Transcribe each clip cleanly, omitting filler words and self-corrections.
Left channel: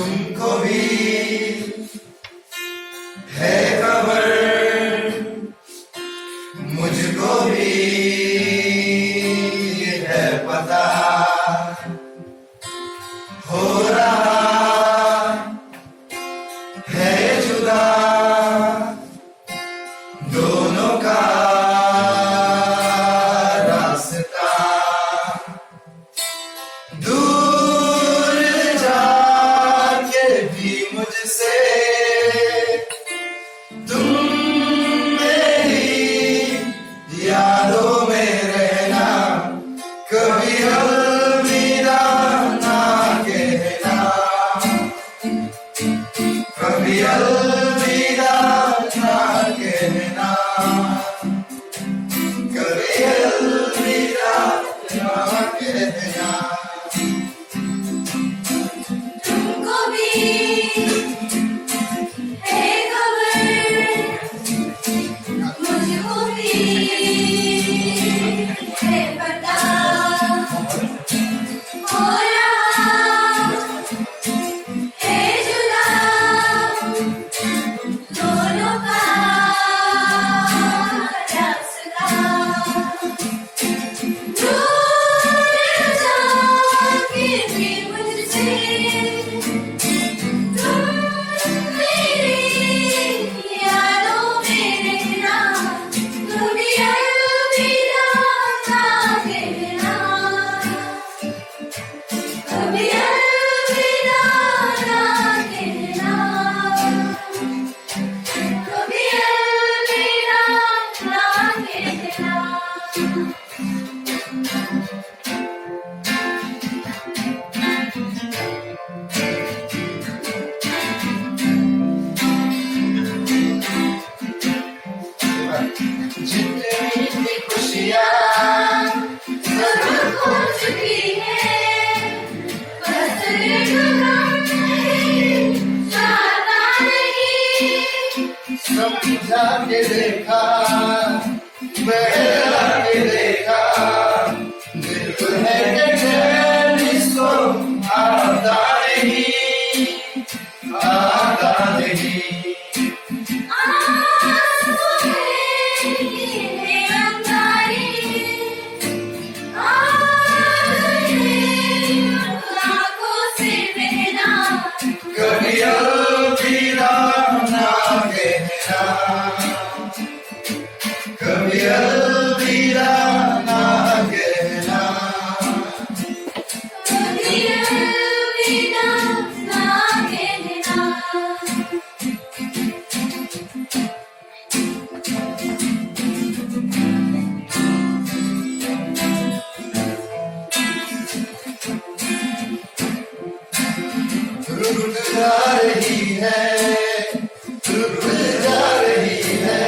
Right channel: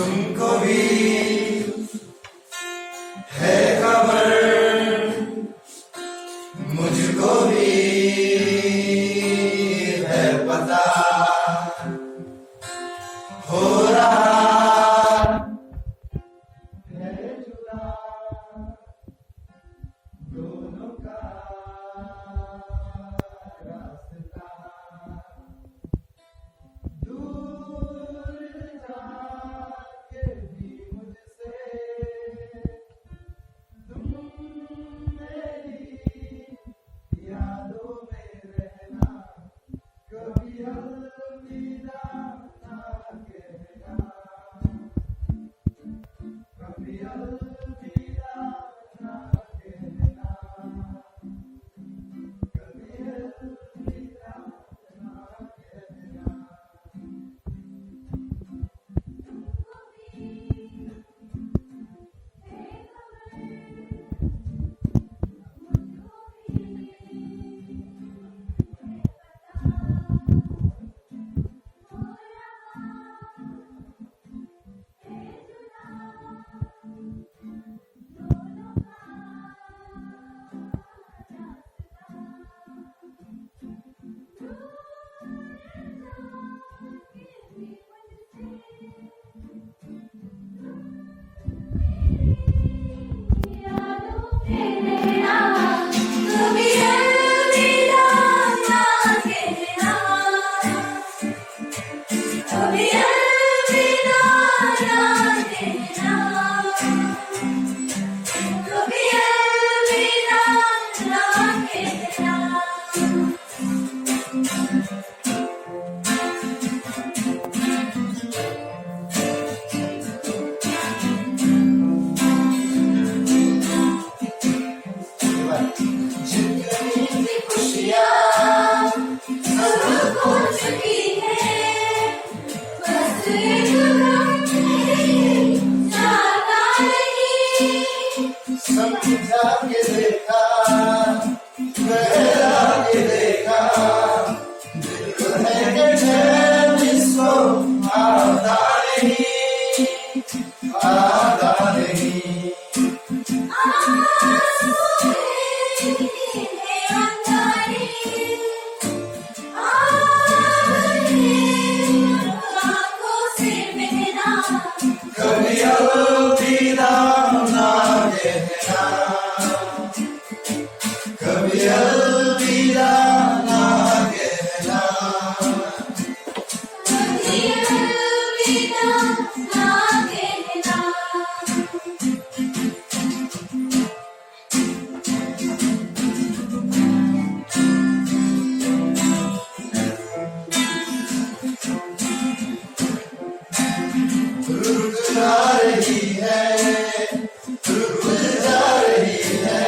तुमको भी है खबर, मुझको भी है पता, हो रहा है जुदा दोनों का रास्ता। दूर जाके भी मुझसे तुम मेरी यादों में रहना, कभी अलविदा ना कहना, कभी अलविदा ना कहना, कभी अलविदा ना कहना। तुमको भी है खबर, मुझको भी है पता, हो रहा है जुदा दोनों का रास्ता। दूर जाके भी मुझसे तुम मेरी यादों में रहना, कभी अलविदा ना कहना, कभी अलविदा ना कहना, कभी अलविदा ना कहना। जितनी खुशियाँ सब खो चुकी है, बस एक गम है, चाहता नहीं। समझा के देखा, बहला के देखा, दिल है कि चैन इसको आता नहीं, आता नहीं। आंसू है अंगारे, आंखों से बहना, कभी अलविदा ना कहना, कभी अलविदा ना कहना। कभी अलविदा ना कहना। रुक जा रही है, रुक जा रही है,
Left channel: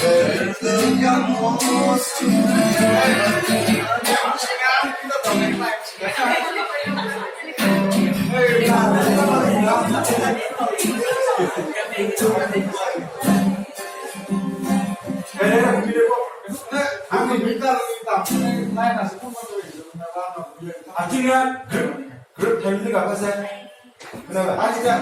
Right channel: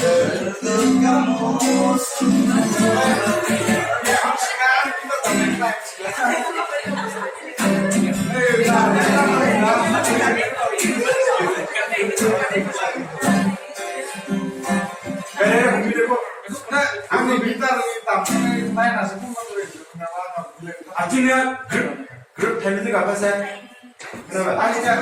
दर्द का मौसम। Akhirnya grup time itu gak apa sih? Kenapa? Akhirnya